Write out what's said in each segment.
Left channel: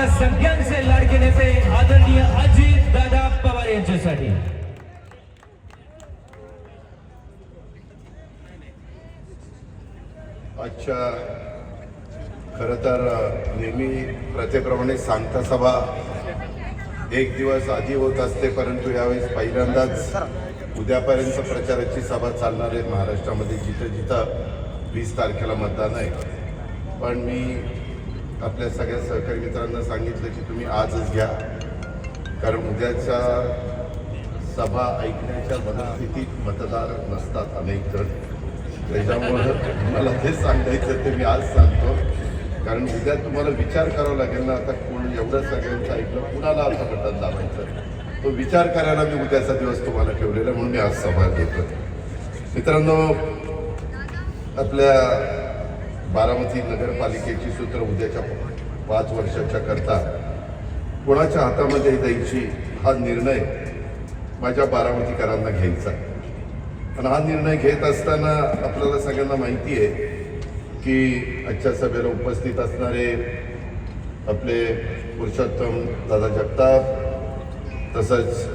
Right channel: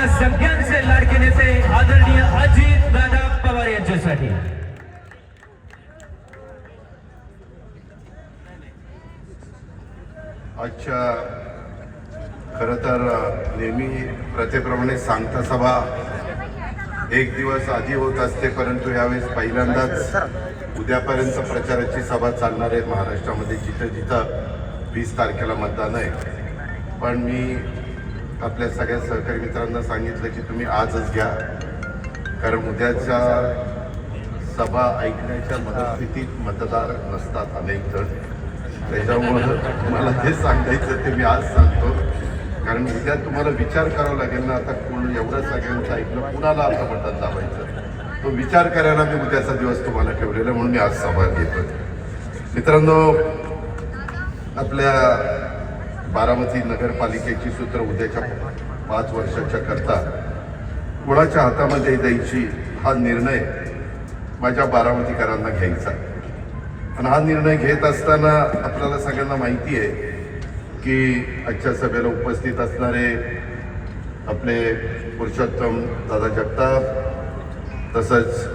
आपल्या सगळ्यांचे लाडके नेते आदरणीय अजित दादा पवार यांच्यासाठी. अच्छा, खरं तर नेहमी प्रथेप्रमाणे सांगता सभा एक दिवस आधी होत असते, परंतु यावेळेस पहिल्यांदाच उद्यापर्यंत प्रचाराची सभा चालणार आहे महाराष्ट्रामध्ये, जिथं जिथं 20 तारखेला मतदान आहे. पण मी आपल्या सगळ्या सहकारी मित्रांना सांगितलं की तुम्ही आजच घ्या, कारण उद्याच्या सभा ऐकण्याच्या मनस्थितीत मतदार नसतात अनेक जण. त्याच्यामुळं मला ते सांगायचं ते मी आज सांगतो, कारण उद्या तुम्हाला विचार करावा लागेल ना. आता कोण एवढं सगळ्यांचं ऐकलं, कुणाला आता बटन दाबायचं, तो विचार करायला मी उद्याचा दिवस तुम्हाला ठेवलेला, म्हणून मी आज सभा घेतो. मित्रांनो, आपल्या बारामती नगरपालिकेची सूत्र उद्याच्या 5 वर्षाच्या करता कोणाच्या हातामध्ये द्यायची हा निर्णय माझ्या बारामतीकरांना घ्यायचा. आणि हा निर्णय घेत असताना आपल्याला सगळ्यांना माहिती आहे की आजच्या सभेला उपस्थित असणारे आपले पुरुषोत्तम दादा जगताप, तसंच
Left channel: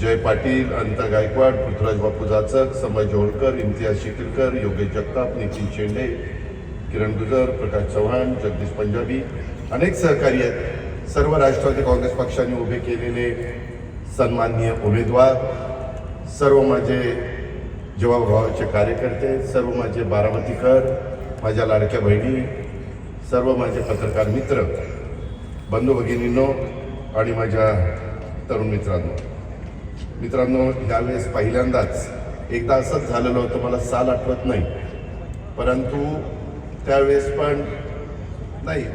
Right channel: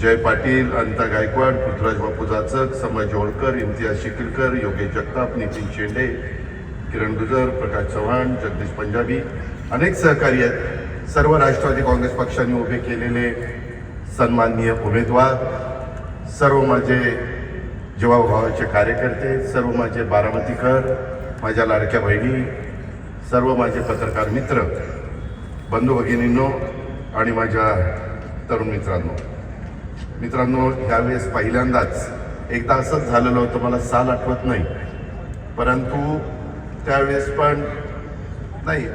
जय पाटील, अनिता गायकवाड, पृथ्वीराज बापू जाचक, संभाजी होळकर, इम्तियाज शिकिलकर, योगेश जगताप, नितीन शेंडे, किरण गुजर, प्रकाश चव्हाण, जगदीश पंजाबी, अनेक सहकारी आहेत. सर्व राष्ट्रवादी काँग्रेस पक्षाने उभे केलेले सन्माननीय उमेदवार, सर्व माझे जीवाभावाचे कार्यकर्ते, सर्व माझे बारामतीकर, माझ्या लाडक्या बहिणी, सर्व माझे पत्रकार मित्र, बंधू भगिनींनो आणि माझ्या तरुण मित्रांनो, यावेळेस पहिल्यांदाच एकदा असंच झालेलं होतं, मला साल आठवत नाही, परंतु त्यावेळेस पण नाही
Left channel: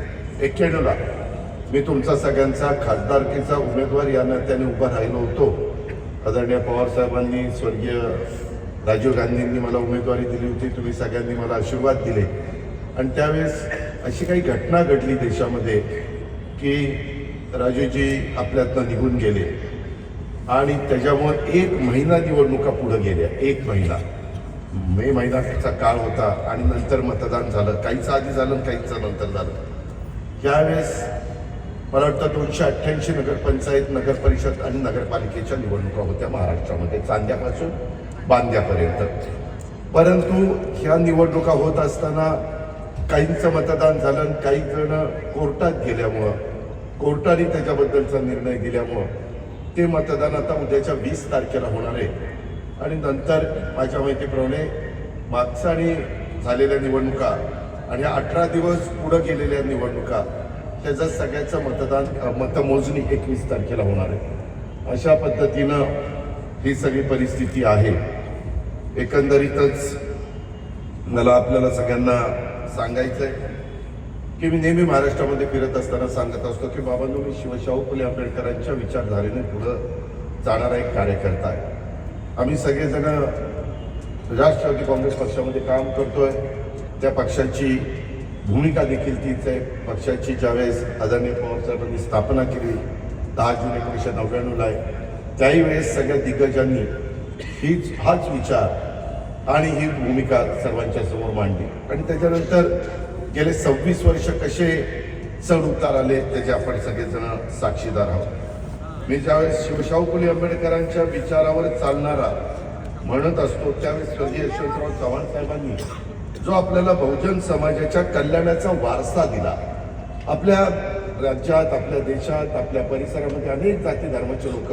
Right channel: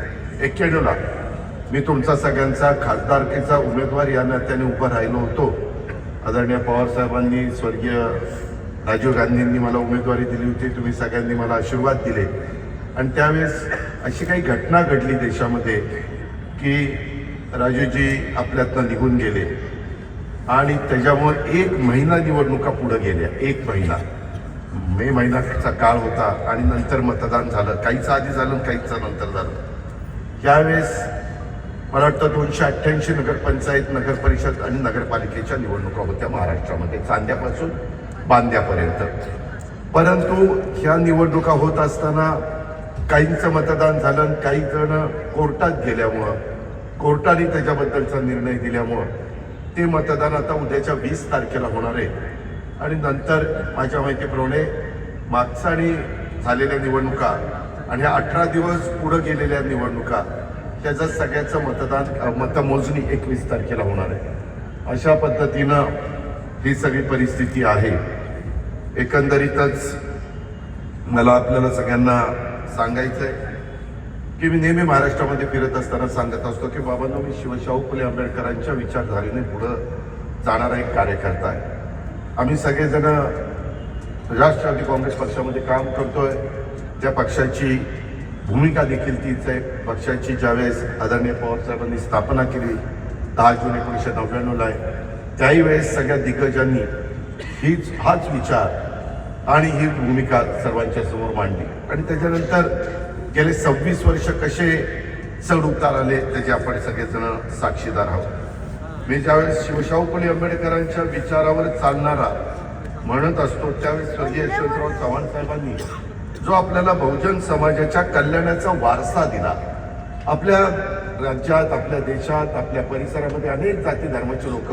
91ला मी तुमचा सगळ्यांचा खासदारकीचा उमेदवार या नात्याने उभा राहिलो होतो. आदरणीय पवारसाहेबांनी, स्वर्गीय राजीव गांधींनी मला उमेदवारी दिली होती, तुम्ही सगळ्यांनी मला आशीर्वाद दिले. आणि त्यावेळेस अशी काही घटना घडली देशामध्ये की राजूजी आपल्यातनं निघून गेले आणि त्याच्यामुळे 1 महिना निवडणुका पुढे गेल्या. 1 महिना, मे महिन्याचा काळ होता आणि नंतर मतदान झालं, काहीच आधी झालं, काहीच नंतर झालं. त्यावेळेस मला वाटतं 288 नगरपंचायत, नगरपरिषद आणि नगरपालिकेच्या निवडणुका होत्या महाराष्ट्रामध्ये, चांद्यापासून बांद्यापर्यंत. परंतु ह्या निवडणुका होत असताना काहींचं मतदान झालं, काही जण कोर्टात गेल्यामुळं, कोर्टाने त्याच्याबद्दलचा निर्णय दिल्यामुळं ते मतदान आता उद्याच्या 20 तारखेला होणार आहे. आणि नंतर माझ्या माहितीप्रमाणे मागच्या आणि झालेल्या निवडणुका आणि 18 दिवस पुढं गेलेल्या निवडणुका, त्याचं सगळ्याचं मतमोजणी 21 तारखेला होणार आहे. अशा पद्धतीनं ही सगळी परिस्थिती आहे. एकंदरीतच मला आपल्याला सगळ्यांना सांगायचं आहे की मी नेहमी महाराष्ट्रामध्ये फिरत असताना सांगत असतो की बाबांनो, मी शिवशाहू फुले आंबेडकरांच्या विचारधारेने पुढं जाणारा एक कार्यकर्ता आहे. आम्ही सगळेजण राष्ट्रवादी काँग्रेस पक्षामध्ये काम करतोय. त्या पक्षाची भूमिका देखील तीच आहे. पक्षाची ज्यावेळेस आदरणीय पवारसाहेबांनी स्थापना केली 10 जून 1999ला आहे, त्याही वेळेस सगळ्या दिग्गजांनी हाच विचार आणि ही भूमिका सर्वांच्या समोर मांडली. आणि त्याच्यानंतर गेले 26 वर्ष कसे चढ उतार आले त्याचे आपण सगळेजण साक्षीदार आहोत. मी ज्यावेळेस शिवशाहू फुले आंबेडकरांच्या विचारावर चालणारा म्हणत असतो, त्यावेळेस स्वर्गीय यशवंतराव चव्हाण साहेबांनी जो आपल्याला बहुजन समाजाच्या कल्याणाचा वारसा दिला. आपल्या राज्यात, आपल्या देशात, आपल्या परिसरामध्ये अनेक जाती धर्माचे लोक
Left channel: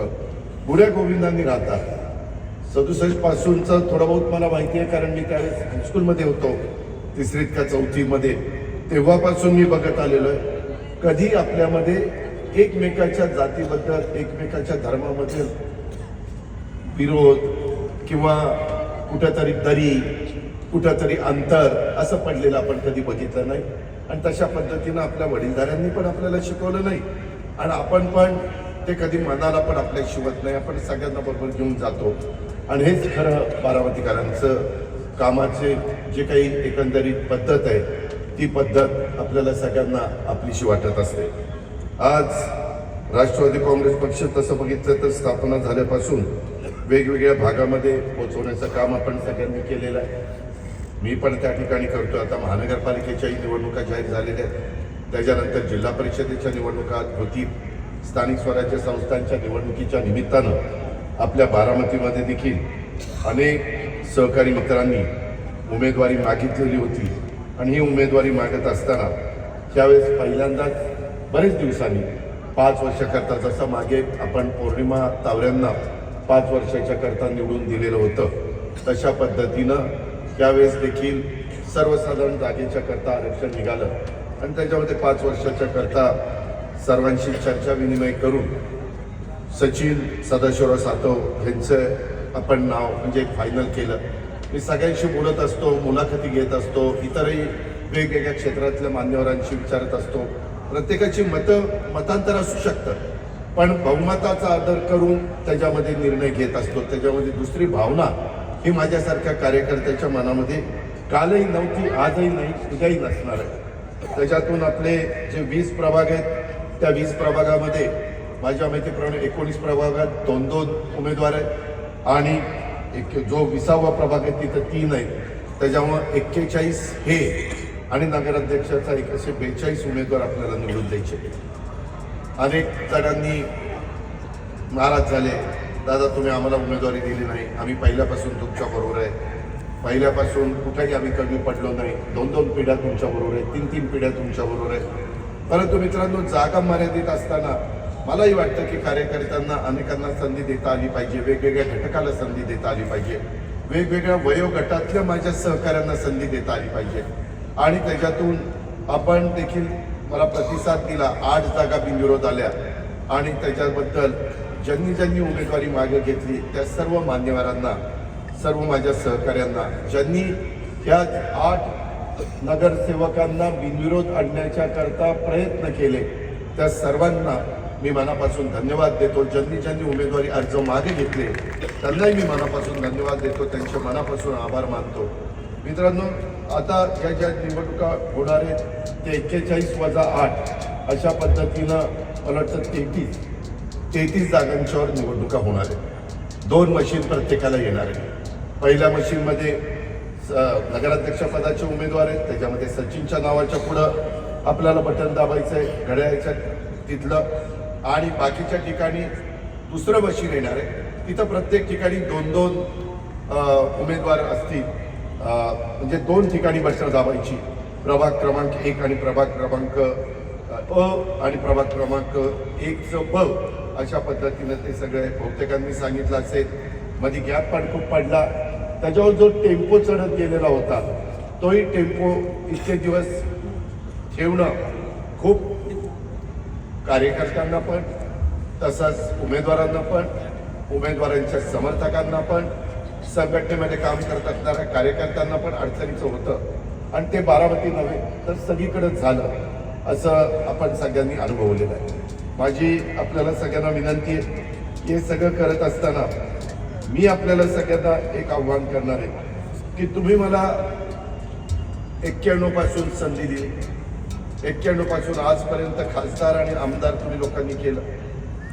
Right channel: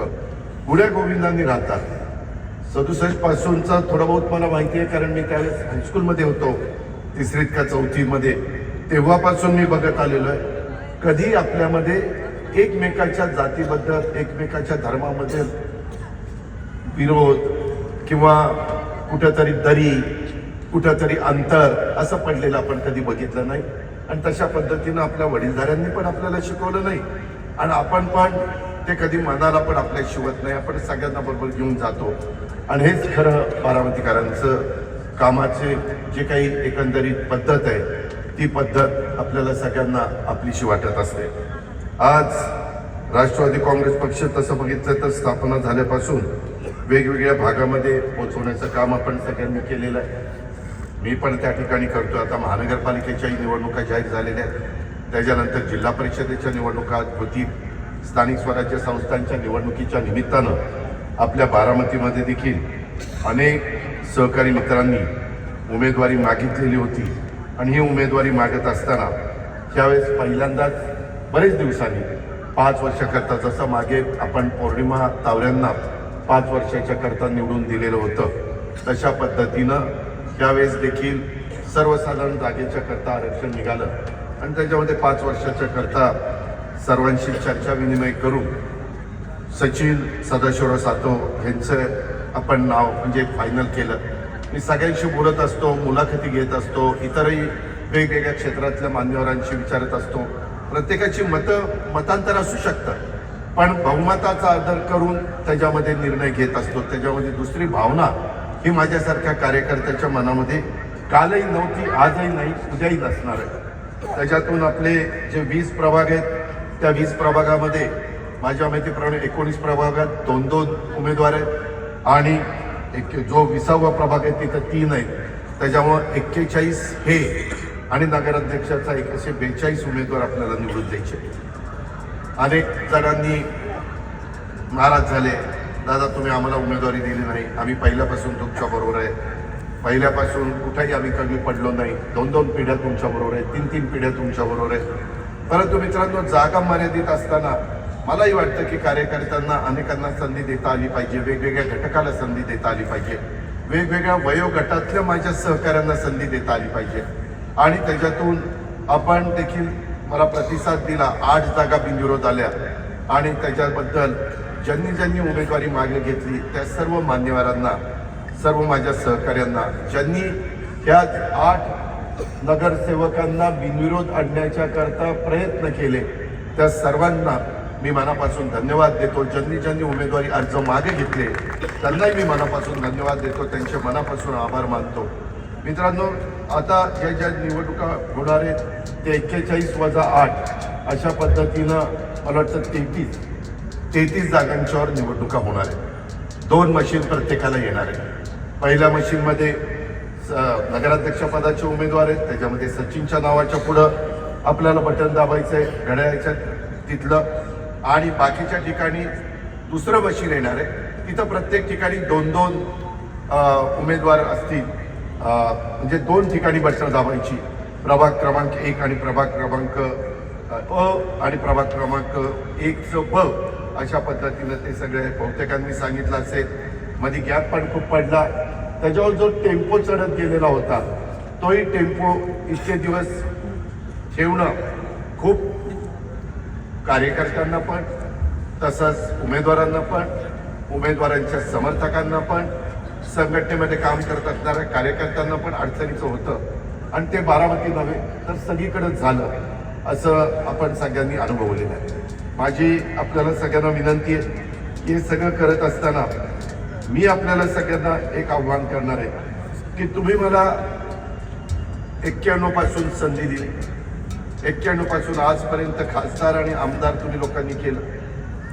गुण्या गोविंदांनी राहतात. 67 पासूनचं थोडं बहुत मला माहिती आहे, कारण मी त्यावेळेस हायस्कूलमध्ये होतो, 3री का 4थीमध्ये. तेव्हापासून मी बघत आलेलो आहे, कधी आपल्यामध्ये एकमेकाच्या जातीबद्दल, एकमेकाच्या धर्मामध्ये विरोध किंवा कुठेतरी दरी, कुठेतरी अंतर असं पडलेलं आपण कधी बघितलं नाही. आणि तशा पद्धतीनं आपल्या वडीलधाऱ्यांनी पण आपल्याला शिकवलं नाही आणि आपण पण ते कधी मनाला पण आपल्या शिवत नाही. आपण सगळ्यांना बरोबर घेऊन जातो आणि हेच खरं बारामतीकरांचं कामाचे जे काही एकंदरीत पद्धत आहे, ती पद्धत आपल्याला सगळ्यांना आपलीशी वाटत असते. आज राष्ट्रवादी काँग्रेस पक्ष तसं बघितलं तर स्थापना झाल्यापासून वेगवेगळ्या भागामध्ये पोहोचवण्याचं काम आपण सगळ्यांनी केलेलं आहे. मी पण त्या ठिकाणी करतो. आता महानगरपालिकेच्याही निवडणुका जाहीर झालेल्या आहेत, त्याच्यानंतर जिल्हा परिषदेच्या निवडणुका होतील, स्थानिक स्वराज्य संस्थांच्या निवडणुकीच्या निमित्तानं आपल्या बारामतीमध्ये देखील अनेक सहकारी मित्रांनी उमेदवारी मागितलेली होती आणि ही उमेदवारी मागत असताना त्यावेळेस पहिल्यांदाच बरेच दिवसांनी 5 वर्षाकरता, जसं मागे आपण पौर्णिमा तावऱ्यांना 5 वर्षाच्या करता निवडून दिलेलं होतं, तशा पद्धतीनं त्यावेळेस देखील सर्वसाधारण जागेच्या करता आरक्षण निघालं आणि त्याच्यामध्ये 5 वर्षाच्या करता सर्वांशी चर्चा विनिमय करून सचिन सदाशिवराव सातव यांचं आपण नाव म्हणजे फायनल केलं. मी सगळ्यांशी बोलत असतो, मुलाखती घेत असतो, इतरही वेगवेगळ्या क्षेत्रातल्या मान्यवरांशी विचारत असतो. प्रत्येकाची मतांतर असू शकतं, पण बहुमताचा आदर करून त्याच्यामध्ये निर्णय घेत असतो. त्याच्यामध्ये दुसरी भावना ही माझ्यासारख्या कार्यकर्त्याच्या मनामध्ये कालही नव्हती, आजही नाही, उद्याही नसणार आहे. त्याच्यातून आपले जे 20 प्रभाग आहेत, त्या 20 प्रभागामध्ये माझ्या माहितीप्रमाणे 19 प्रभागात 2-2 उमेदवार आहेत आणि जो 20वा प्रभाग आहे तिथं 3 आहेत. त्याच्यामुळं 41 हे आणि नगराध्यक्षाचा असे 42 उमेदवार आपल्याला निवडून द्यायचे. अनेक जणांनी नाराज झाले, दादा तुम्ही आम्हाला उमेदवारी दिली नाही, आम्ही पहिल्यापासून तुमच्या बरोबर आहे, पहिल्यापासून कुठेही आम्ही कमी पडलो नाही, 2-2 पिढ्या तुमच्या बरोबर आहे, 3-3 पिढ्या तुमच्या बरोबर आहे. परंतु मित्रांनो, जागा मर्यादित असताना मलाही वाटतं की कार्यकर्त्यांना अनेकांना संधी देता आली पाहिजे, वेगवेगळ्या घटकाला संधी देता आली पाहिजे, वेगवेगळ्या वयोगटातल्या माझ्या सहकाऱ्यांना संधी देता आली पाहिजे आणि त्याच्यातून आपण देखील मला प्रतिसाद दिला. 8 जागा बिनविरोध आल्या आणि त्याच्याबद्दल ज्यांनी उमेदवारी मागे घेतली त्या सर्व मान्यवरांना, सर्व माझ्या सहकाऱ्यांना, ज्यांनी ह्या 8 नगरसेवकांना बिनविरोध आणण्याच्या करता प्रयत्न केले, त्या सर्वांना मी मनापासून धन्यवाद देतो. ज्यांनी उमेदवारी अर्ज मागे घेतले त्यांनाही मी मनापासून धन्यवाद देतो, त्यांचे मनापासून आभार मानतो. मित्रांनो, आता या ज्या निवडणुका होणार आहेत ते 41+8 अशा पद्धतीनं मला वाटतं 33 जागांच्यावर निवडणुका होणार आहेत. 2 मशीन प्रत्येकाला येणार आहे. पहिल्या मशीनमध्ये नगराध्यक्ष पदाचे उमेदवार आहेत, त्याच्यामध्ये सचिनच्या नावाच्या पुढं आपल्याला बटन दाबायचं आहे घड्याळाच्या तिथलं, आणि बाकीच्या ठिकाणी दुसरं मशीन येणार आहे. तिथं प्रत्येक ठिकाणी 2-2 उमेदवार असतील, म्हणजे 2 ठिकाणी बटन दाबायची, प्रभाग क्रमांक 1 आणि प्रभाग क्रमांक अ आणि प्रभाग क्रमांक 1चं ब अशा पद्धतीनं ते सगळे बहुतेकांनी सांगितलं असेल. मध्ये गॅप पण खूप पडला. त्याच्यावर जो टेम्पो चढत गेलेला होता तोही टेम्पो इतके दिवस ठेवणं खूप कार्यकर्त्यांना पण, तसंच उमेदवारांना पण, उमेदवारांच्या समर्थकांना पण, संघटनेमध्ये काम करत असणाऱ्या कार्यकर्त्यांना पण अडचणीचं होतं आणि ते बारामती नव्हे तर सगळीकडे झालं असं आपण सगळ्यांनी अनुभवलेलं आहे. माझी आपल्याला सगळ्यांना विनंती आहे, हे सगळं करत असताना मी आपल्याला सगळ्यांना एक आव्हान करणार आहे की तुम्ही मला 91 पासून संधी दिली, 91 पासून आजपर्यंत खासदार आणि आमदार तुम्ही लोकांनी केलं.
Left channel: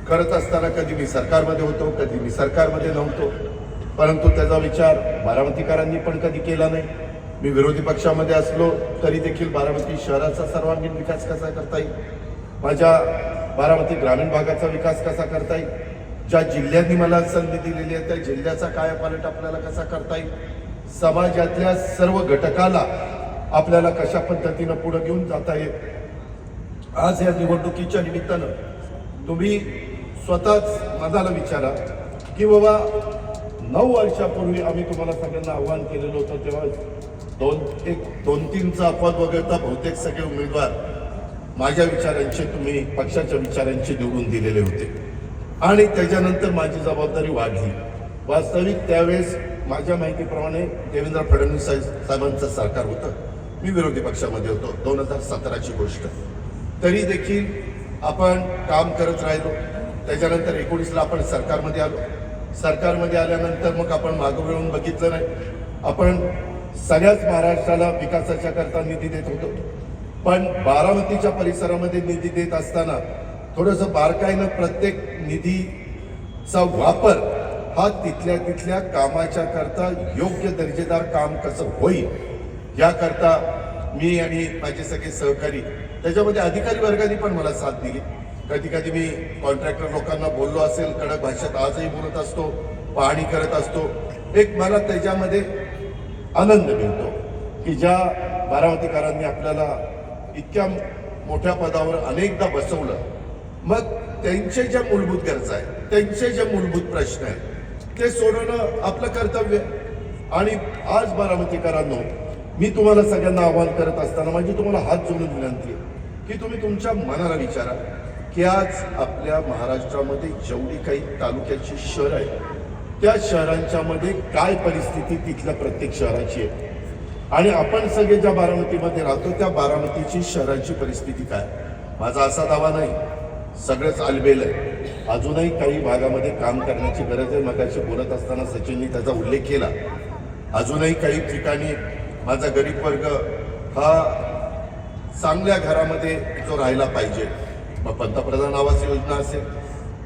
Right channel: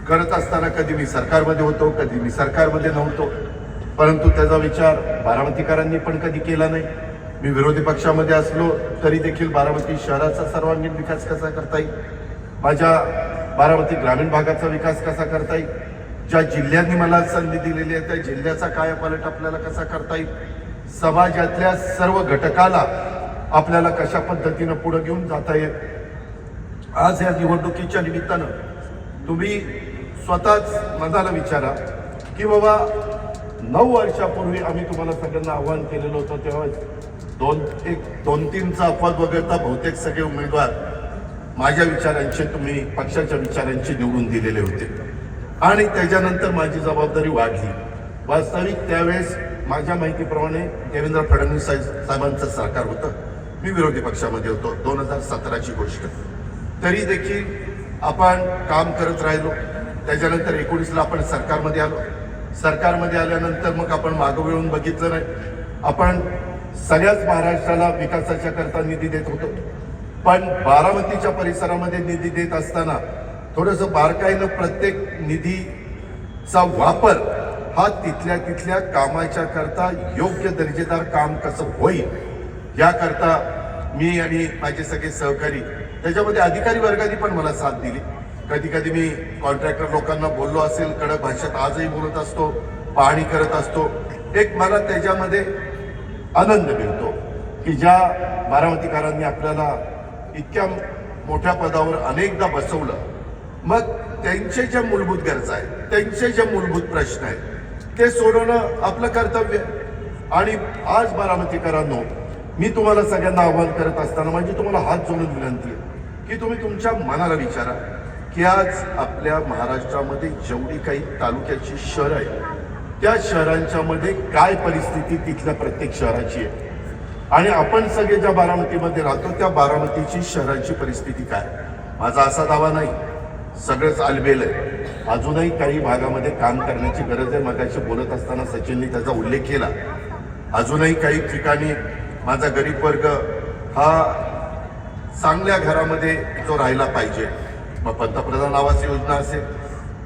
करत असताना कधी मी सरकारमध्ये होतो, कधी मी सरकारमध्ये नव्हतो, परंतु त्याचा विचार बारामतीकरांनी पण कधी केला नाही. मी विरोधी पक्षामध्ये असलो तरी देखील बारामती शहराचा सर्वांगीण विकास कसा करता येईल, माझ्या बारामती ग्रामीण भागाचा विकास कसा करता येईल, ज्या जिल्ह्यांनी मला संधी दिलेली आहे त्या जिल्ह्याचा कायापालट आपल्याला कसा करता येईल, समाजातल्या सर्व घटकाला आपल्याला कशा पद्धतीनं पुढे घेऊन जाता येईल. आज या निवडणुकीच्या निमित्तानं तुम्ही स्वतःच मनाला विचारा की बाबा 9 वर्षापूर्वी आम्ही तुम्हाला सगळ्यांना आव्हान केलेलं होतं, तेव्हा 2-3चा अपवाद वगळता बहुतेक सगळे उमेदवार माझ्या विचारांचे, तुम्ही पक्षाच्या विचारांचे निवडून दिलेले होते आणि त्याच्यानंतर माझी जबाबदारी वाढली. वास्तविक त्यावेळेस माझ्या माहितीप्रमाणे देवेंद्र फडणवीस साहेबांचं सरकार होतं, मी विरोधी पक्षामध्ये होतो, 2017ची गोष्ट. तरी देखील आपण काम करत राहिलो. त्याच्यानंतर 19ला आपण सरकारमध्ये आलो. सरकारमध्ये आल्यानंतर मग आपण मागं वळून बघितलं नाही. आपण सगळ्याच महाराष्ट्राला विकासाच्या करता निधी देत होतो, पण बारामतीच्या परिसरामध्ये निधी देत असताना थोडंसं बारकाईनं प्रत्येक निधीचा वापर हा तिथल्या कामाच्या करता योग्य दर्जेदार काम कसं होईल याकरता मी आणि माझे सगळे सहकारी त्याच्यामध्ये अधिकारी वर्गाने पण मला साथ दिली. कधी कधी मी कॉन्ट्रॅक्टर लोकांना बोललो असेल, कडक भाषेत आजही बोलत असतो, पाहणी करत असतो. एक मला त्याच्यामध्ये आनंद मिळतो की ज्या बारामतीकरांनी आपल्याला इतक्या मोठ्या पदावर अनेकदा बसवलं, मग त्यांचे ज्या मूलभूत गरजा आहेत, त्यांचे जे मूलभूत प्रश्न आहेत ते सोडवणं आपलं कर्तव्य. आणि आज बारामतीकरांनो, मी तुम्हाला सगळ्यांना आवाहन करत असताना माझी तुम्हाला हात जोडून विनंती आहे की तुम्ही तुमच्या मनाला विचारा की आज आपल्या महाराष्ट्रामध्ये जेवढी काही तालुक्याची शहरं आहेत, त्या शहरांच्या मध्ये काय परिस्थिती तिथल्या प्रत्येक शहराची आहे, आणि आपण सगळे ज्या बारामतीमध्ये राहतो त्या बारामतीची शहराची परिस्थिती काय. माझा असा दावा नाही, सगळंच आलबेल आहे. अजूनही काही भागामध्ये काम करण्याची गरज आहे. मगाशी बोलत असताना सचिनने त्याचा उल्लेख केला. अजूनही काही ठिकाणी माझा गरीब वर्ग हा चांगल्या घरामध्ये जो राहायला पाहिजे, मग पंतप्रधान आवास योजना असेल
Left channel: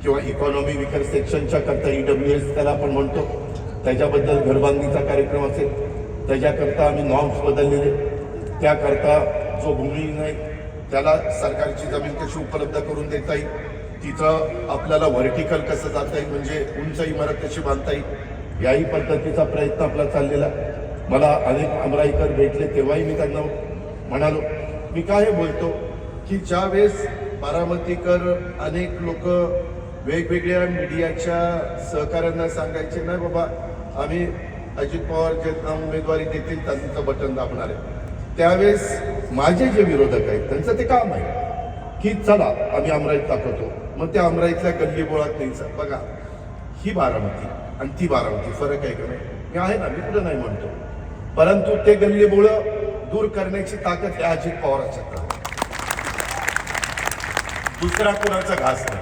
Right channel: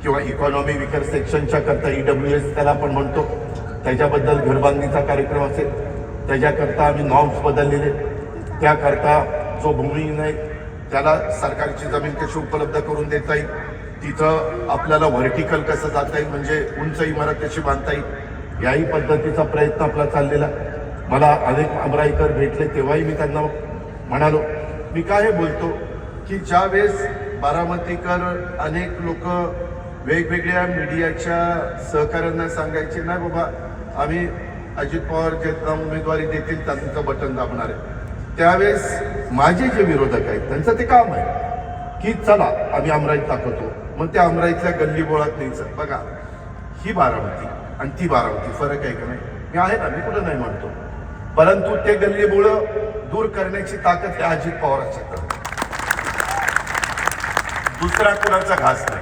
किंवा इकॉनॉमी विकर सेक्शनच्या करता EWS त्याला आपण म्हणतो, त्याच्याबद्दल घरबांधणीचा कार्यक्रम असेल, त्याच्याकरता आम्ही नॉर्म्स बदललेले. त्याकरता जो भूमिहीन आहे त्याला सरकारची जमीन कशी उपलब्ध करून देता येईल, तिथं आपल्याला व्हर्टिकल कसं जाता येईल, म्हणजे उंच इमारत कशी बांधता येईल, याही पद्धतीचा प्रयत्न आपला चाललेला. मला अनेक आमराईकर भेटले तेव्हाही मी त्यांना म्हणालो, मी काय बोलतो की ज्यावेळेस बारामतीकर अनेक लोक वेगवेगळ्या मीडियाच्या सहकार्यांना सांगायचे, नाही बाबा आम्ही अजित पवार ज्यांना उमेदवारी देतील त्यांचं बटन दाबणार आहे, त्यावेळेस माझे जे विरोधक आहेत त्यांचं ते काम आहे की चला आम्ही अमराईत दाखवतो. मग त्या अमराईतल्या गल्ली बोळात न्यायचं. बघा, ही बारामती आणि ती बारामती फरक आहे का नाही? मी आहे ना, मी कुठं नाही म्हणतो, परंतु ते गल्ली बोळ दूर करण्याची ताकद त्या अजित पवारांच्याकडे, दुसरा कोणाचा घास नाही.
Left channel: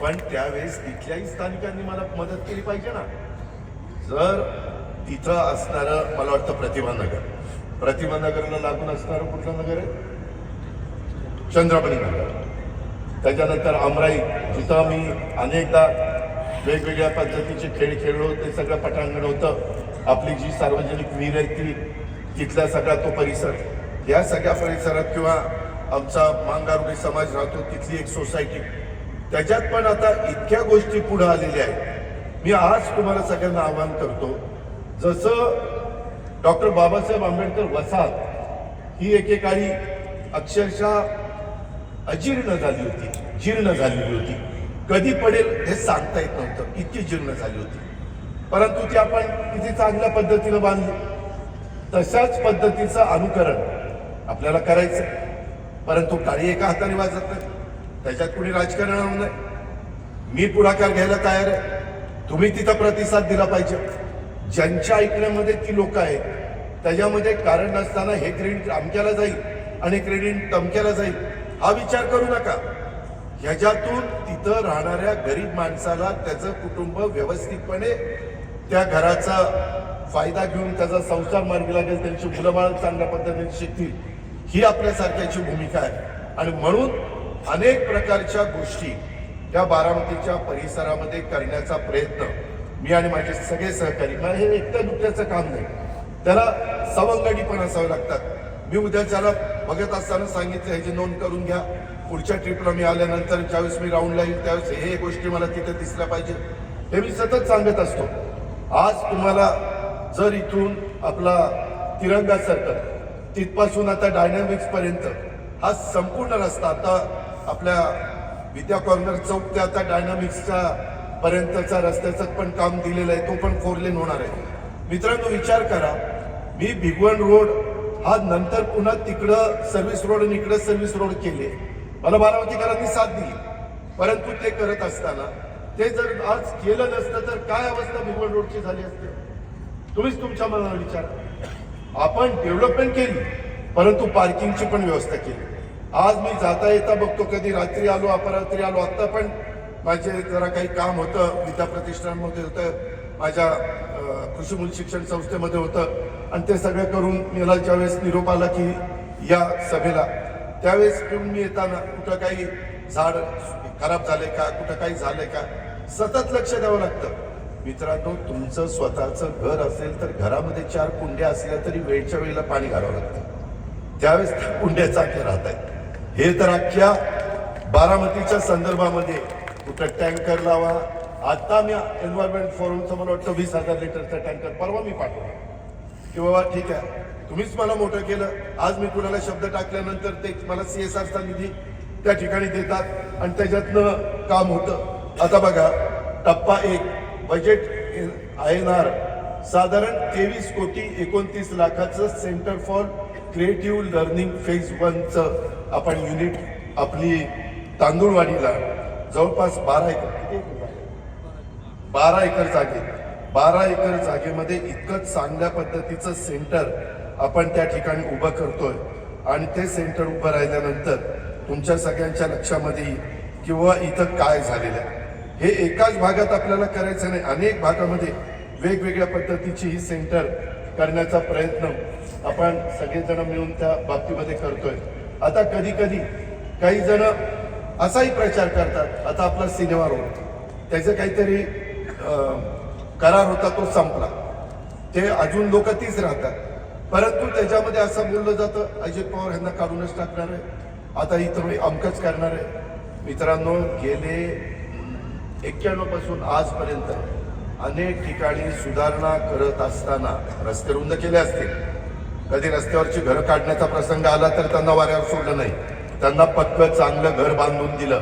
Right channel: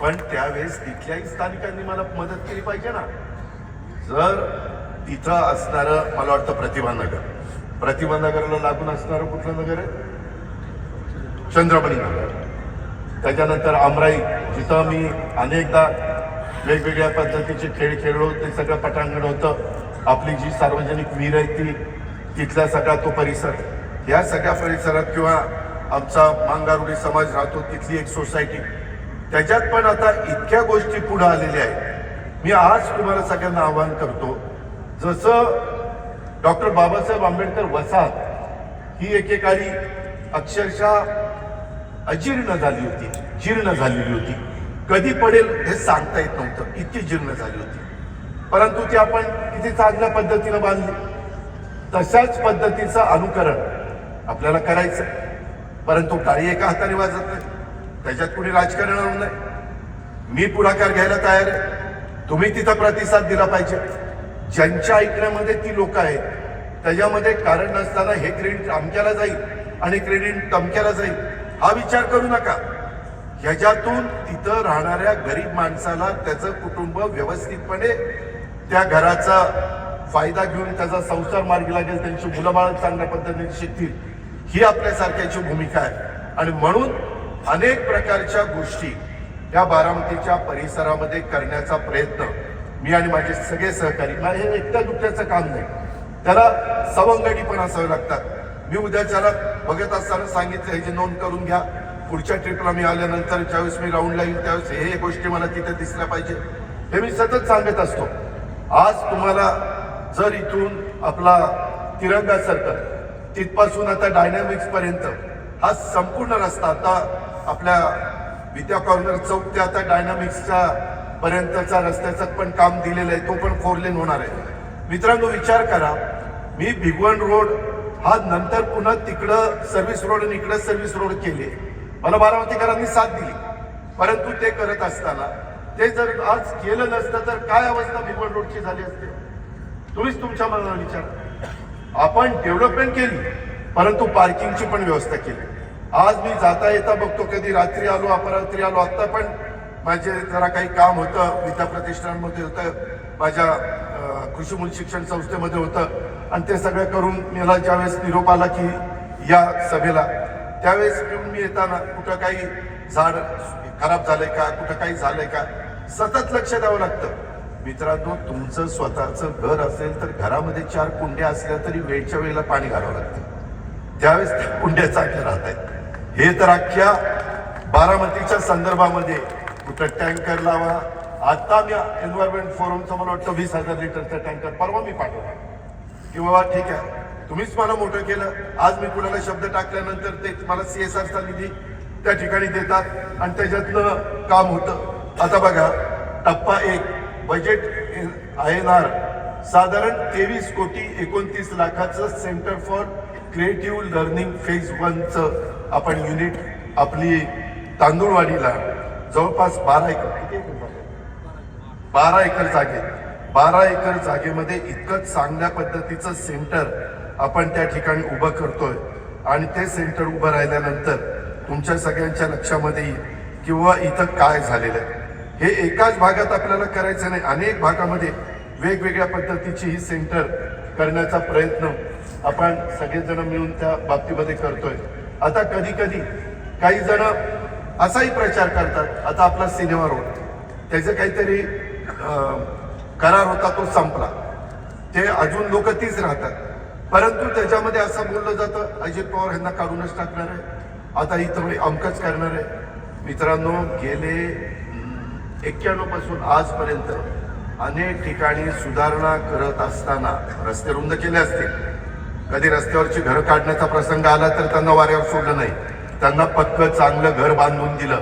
पण त्यावेळेस तिथल्याही स्थानिकांनी मला मदत केली पाहिजे ना. जर तिथं असणारं, मला वाटतं प्रतिभा नगरला लागून असणारं कुठलं नगर आहे? चंद्रमणी नगर. त्याच्यानंतर अमराई, जिथं मी अनेकदा वेगवेगळ्या पद्धतीचे खेळ खेळलो, ते सगळं पटांगण होतं. आपली जी सार्वजनिक विहीर आहे तिथला सगळा तो परिसर, या सगळ्या परिसरात किंवा आमचा मांगारुडी समाज राहतो तिथली एक सोसायटी, त्याच्यात पण आता इतक्या गोष्टी पुढे आलेल्या आहेत. मी आज तुम्हाला सगळ्यांना आवाहन करतो, जसं डॉक्टर बाबासाहेब आंबेडकर वसाहत ही एकेकाळी अक्षरशः अजीर्ण झाली होती, जीर्ण झालेली होती, कधी पडेल हे सांगता येत नव्हतं, इतकी जीर्ण झाली होती. परंतु ती आपण किती चांगल्या पद्धतीनं बांधली. तशाच पद्धतीचं अनुकरण आपल्याला करायचं, परंतु टाळी एका हाताने वाजत नाही, त्याच्यात कुणी राजकारण आणू नये. मी पुढाकार घ्यायला तयार आहे, तुम्ही तिथं प्रतिसाद दिला पाहिजे. ज्यांच्या ऐकण्यामध्ये ती लोक आहेत त्याच्यामध्ये कारण नसताना हे क्रेडिट अमक्याला जाईल आणि क्रेडिट तमक्याला जाईल हा विचार करू नका. ह्याच्यातून तिथं राहणाऱ्या गरीब माणसाला त्याचं कुटुंब व्यवस्थितपणे त्या घराचा फायदा घेऊन त्याचा संसार मार्गी लागेल, त्यांची मुलं बाळ चांगल्या पद्धतीने शिकतील, ही आपल्यासारख्याची भूमिका आहे. आणि म्हणून अनेक प्रकारच्या गोष्टी या बारामतीच्या परिसरामध्ये करण्याचा प्रयत्न मी आणि माझे सगळे सहकारी, हे एकट्या दुकट्याचं काम नाही, त्याला सवंगडी पण असावे लागतात. मी उद्याच्याला बघत असताना सांगितलं, ह्याची नोंद करून घ्या, पुढच्या ट्रिपला मी आल्यानंतर ज्यावेळेस मी राऊंडला येईल त्यावेळेस हे गोष्टी मला तिथे दिसल्या पाहिजे, हे मी सतत सांगत असतो. आज तुम्हाला जर इथून आपला तिरंगा सर्कल तिथपासून आता डायनॅमिक्स पर्यंत हा संपूर्ण रस्ता, आता आपल्या विद्या कॉर्नर चौक ते आता डायनॅमिक्सच्या पर्यंतचा रस्त्याचं पण काम दिलेलं आहे, तो पण 4 लेन होणार आहे. मित्रांनो विचार करा, मी भिगवण रोड हा नंतर पुन्हा तिकडं सर्व्हिस रोड आणि इकडं सर्व्हिस रोड केले, मला बारामतीकरांनी साथ दिली. परंतु ते करत असताना ते जर आज केलं नसतं तर काय अवस्था भिगवण रोडची झाली असते? तुम्हीच तुमच्या मनाला विचार. आपण डेव्हलपमेंट केली परंतु पार्किंगची पण व्यवस्था केली. आज मी जाता येता बघतो, कधी रात्री आलो, अपरात्री आलो, आत्ता पण माझे जरा काही काम होतं, विद्या प्रतिष्ठानमध्ये होतं, माझ्या कृषी मूल शिक्षण संस्थेमध्ये होतं, आणि ते सगळं करून मला ज्यावेळेस निरोप आला की या सभेला, त्यावेळेस मी येताना कुठं काही झाड खराब झालंय का, कुठं काही झालंय का, सतत लक्ष द्यावं लागतं. मित्रांनो, तुमचं स्वतःचं घर असेल तर घरामध्ये 4 कुंड्या असल्या तरी वेळच्या वेळेला पाणी घालावं लागतं, त्यावेळेस त्या कुंड्या चांगल्या राहत आहेत. हे तर अख्ख्या बारामतीच्या संदर्भामध्ये कुठं टँकर लावा. आता मी एन्व्हायरमेंट फोरमचं मला वाटतं 20,000 लिटरचा टँकर परवा मी पाठवला की बाबा ठीक आहे तुम्हीच मला मोठं केलं. आज मी कुणाला शब्द टाकल्यानंतर ते मला CSRचा निधी त्या ठिकाणी देतात आणि त्याच्यातनं काम होतं. आता बघा टप्पा 1 बजेट INR साधारण 23 कोटी 29 लाखाचं centre for creative learning phase 1चं आपण युनिट आपली तांदूळवाडीला जवळपास 12 एकर जागेमध्ये इतकं चांगल्या पद्धतीचं सेंटर आपण त्या ठिकाणी उभं करतोय. आणि ते सेंटर उभं राहिल्यानंतर तुमच्या सगळ्यांच्या लक्षामध्ये येईल किंवा इथं काय झालेलं आहे. हे एकाच भागात आपल्याला करायचं नाही, अनेक भागामध्ये वेगवेगळ्या पद्धतीची ही सेंटर करण्याचा प्रयत्न आपण सगळेजण मिळून त्या बाबतीमध्ये करतोय. आता कधी कधी काही जण असाही प्रचार करतात, आता आपला सिनेमा रोड त्याचं काहीतरी करार होता तो संपला, ते अजून लोक तीच राहतात. परंतु त्याच्यामध्ये असं बोललं जातं अजित पवार यांना काढूनच टाकणार आहे, आता इथं मी अमकच करणार आहे. मित्रांनो, गेले 91 पासून आजपर्यंत अनेक ठिकाणी सुधारणा करत असताना रस्ते रुंद केले असतील, कधी रस्त्यावरची घरं काढण्याचा प्रसंग आला तर त्यांना वाऱ्यावर सोडलं नाही, त्यांना पक्क चांगलं घर बांधून दिलं.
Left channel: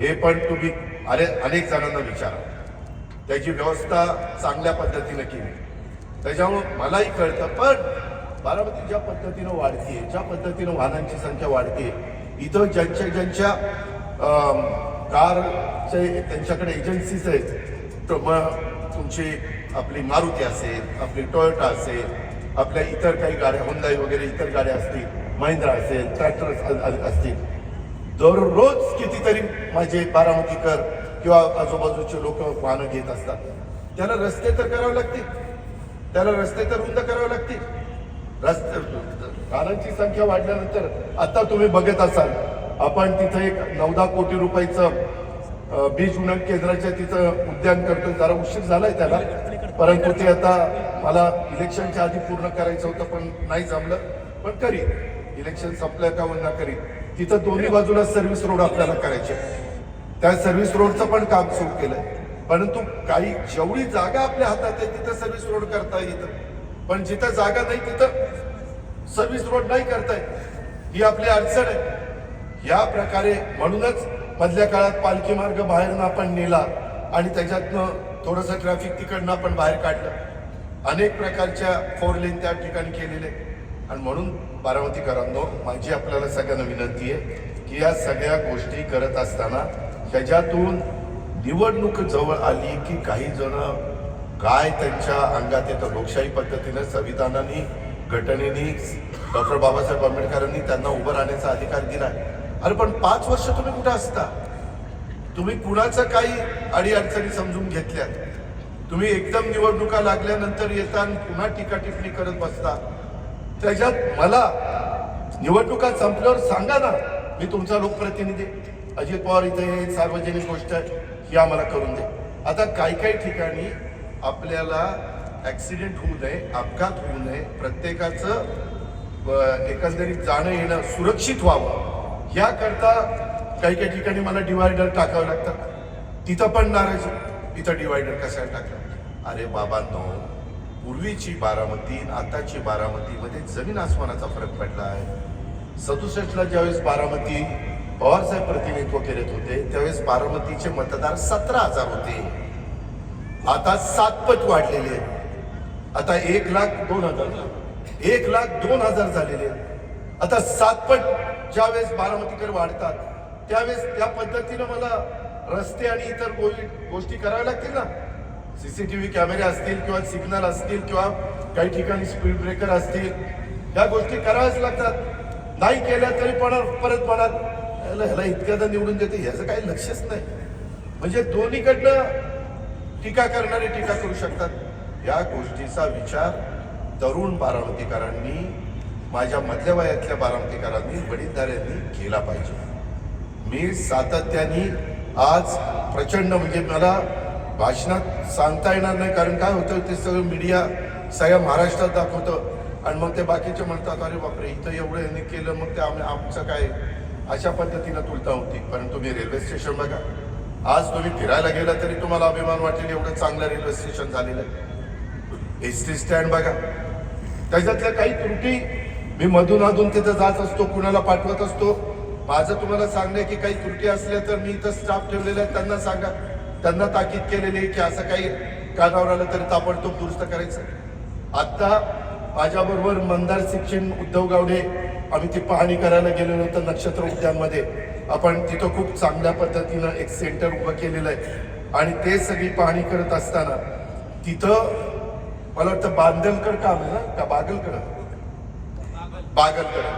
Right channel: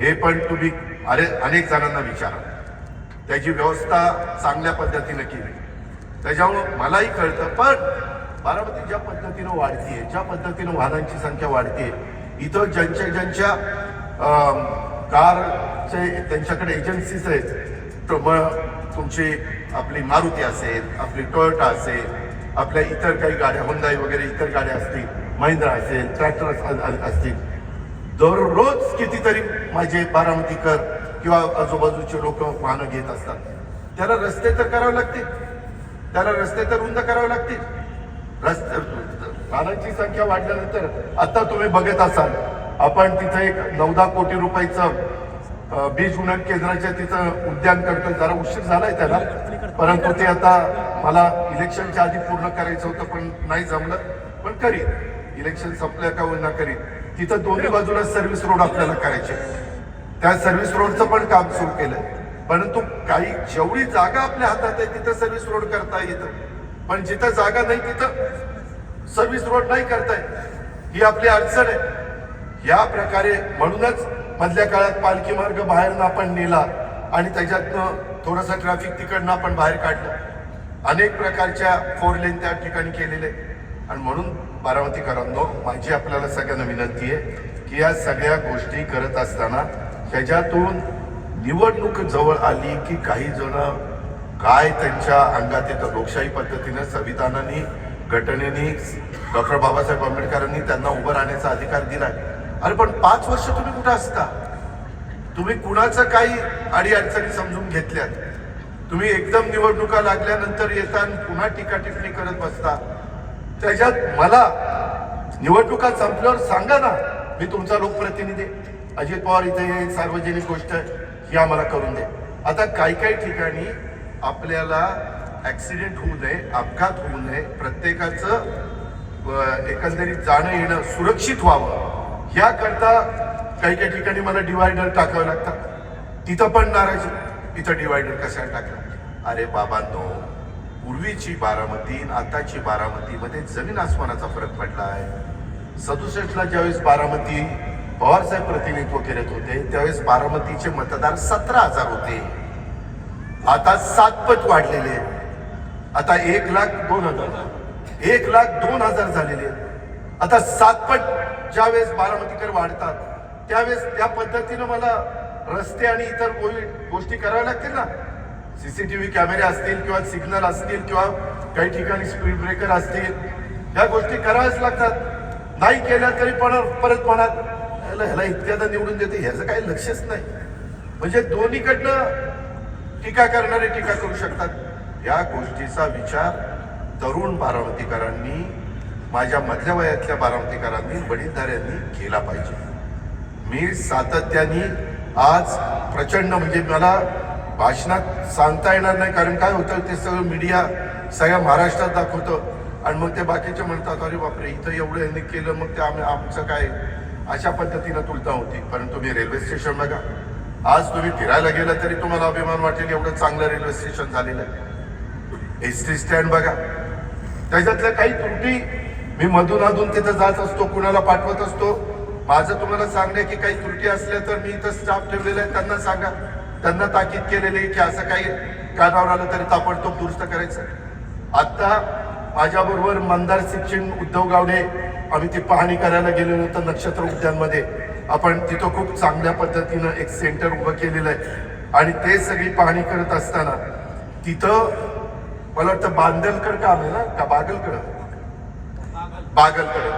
हे पण तुम्ही अनेक जणांना विचारा, त्याची व्यवस्था चांगल्या पद्धतीने केली. त्याच्यामुळं मलाही कळतं. पण बारामती ज्या पद्धतीनं वाढतीये, ज्या पद्धतीनं वाहनांची संख्या वाढते, इथं ज्यांच्या कारचे त्यांच्याकडे एजन्सीज आहेत, तुमची आपली मारुती असेल, आपली टोयोटा असेल, आपल्या इतर काही गाड्या हुंदाई वगैरे इतर गाड्या असतील, महिंद्रा असेल, ट्रॅक्टर असतील, दररोज कितीतरी माझे बारामतीकर किंवा आजूबाजूचे लोक वाहनं घेत असतात. त्याला रस्ते तर करावे लागतील, त्याला रस्ते तर रुंद करावे लागतील. वाहनांची संख्या वाढल्यानंतर आता तुम्ही बघत असाल, आपण तिथं एक 9-10 कोटी रुपयाचं बीज उन्नत केंद्राच्या तिथं उद्यान करतोय. जरा उशीर झालाय त्याला, परंतु ते आता मला इलेक्शनच्या आधी पूर्ण करायचं होतं पण नाही जमलं. पण करीन, इलेक्शन संपल्या का होईना करीन. तिथं दोन्ही बाजूला सर्व्हिस रोड आपल्याला करायचे, त्या सर्व्हिस रोडचं पण काम सुरू केलंय. परंतु काही जेवढी जागा आपल्या हातात आहे तिथं सर्व्हिस रोड करता येतं, पण जिथं जागा नाही तिथं सर्व्हिस रोड नाही करता येत. ही आपली अडचण आहे. या प्रकारे म्हणूनच मधल्या काळात पालखी मार्ग बाहेरनं आपण नेला आणि त्याच्यातनं थोडंसं ट्रॅफिक तिकडनं आपण बाहेर काढलं. अनेक प्रकारच्या 4 लेन त्या ठिकाणी केलेले. आणि म्हणून बारामतीकरांनो, माझी आपल्याला सगळ्यांना विनंती आहे की या सगळ्या गोष्टी करत असताना ह्याच्यातून निवडणूक जवळ आली की काही जण काय त्यांच्या अंगात येतं. लोकशाही पद्धतीने, संविधानाने, घटनेने, डॉक्टर बाबासाहेब आंबेडकरांनी त्यांना उभं राहण्याचा अधिकार दिला. अरे पण 5 वर्ष तुम्ही कुठं असता? तुम्ही कुणाचं काही अडीअडचणी समजून घेतल्यात? तुम्ही एकदम निवडणुका लागल्यानंतर येता आणि पुन्हा टीका टिप्पणी करत बसता. त्याच्यात मला निवडणुका संपल्यावर सांगा ना, मी तुमचा लोकप्रतिनिधी, अजित पवार इथे हे सार्वजनिक गोष्ट आहे ही आम्हाला करून दे. आता काही ठिकाणी आपल्याला ऍक्सिडेंट होऊ नये, अपघात होऊ नये, प्रत्येकाचं एकंदरीत जाणं येणं सुरक्षित व्हावं याकरता काही ठिकाणी मला डिवायडर टाकावं लागतात. तिथं पण नाराजी, तिथं डिवायडर कशाला टाकलं? अरे बाबांनो, पूर्वीची बारामती आताची बारामतीमध्ये जमीन आसमानाचा फरक पडला आहे. 67ला ज्यावेळेस बारामती पवारसाहेब प्रतिनिधित्व करत होते त्यावेळेस बारामतीचे मतदार 17,000 होते. आता 7 पट वाढलेले. आता 1,02,000 झालेले. आता 7 पट ज्यावेळेस बारामतीकर वाढतात त्यावेळेस त्या पद्धतीनं मला रस्ते आणि इतर गोष्टी कराव्या लागतील ना. CCTV कॅमेरे असतील किंवा सिग्नल असतील किंवा काही ठिकाणी स्पीड ब्रेकर असतील, या गोष्टी कराव्याच लागतात. नाही केल्या तरी पण परत म्हणत ह्याला इतक्यादा निवडून देते, ह्याचं काही लक्षच नाही. म्हणजे दोन्हीकडनं टीका करणारे टीका करू शकतात. या गोष्टीचा विचार तरुण बारामतीकरांनी, माझ्या मधल्या वयातल्या बारामतीकरांनी, वडीलधाऱ्यांनी केला पाहिजे. मी सातत्याने आज प्रचंड, म्हणजे मला भाषणात सांगता येणार नाही, कारण काय होतं ते सगळं मीडिया सगळ्या महाराष्ट्रात दाखवतं आणि मग ते बाकीचे म्हणतात अरे बापरे इथं एवढं यांनी केलं, मग ते आमचं काय. अशा पद्धतीनं तुलना होती. पण तुम्ही रेल्वे स्टेशन बघा, आज तुम्ही फिरायला गेला तरी तुम्हाला अभिमान वाटेल एवढं चांगलं रेल्वे स्टेशन झालेलं आहे. एसटी स्टँड बघा, त्याच्यातल्या काही त्रुटी मी मधून अधून तिथं जात असतो, कुणाला पाठवत असतो. माझं तुम्हाला सांगणे की काही त्रुटी असल्या तर मी इथं स्टाफ ठेवलेला आहे, त्यांना सांगा, त्यांना ताकीद केलेली आहे की असं काही कानावर आलं तरी ताबडतोब दुरुस्त करायचं. आता माझ्याबरोबर मंदार शिक्षण उद्धव गावडे आम्ही ती पाहणी करायला गेलेलो होतो नक्षत्र उद्यानमध्ये. आपण तिथं खूप चांगल्या पद्धतीनं एक सेंटर उभं केलेलं आहे आणि ते सगळी पाहणी करत असताना तिथं मला वाटतं बांदलकर काम आहे ना का बागलकडे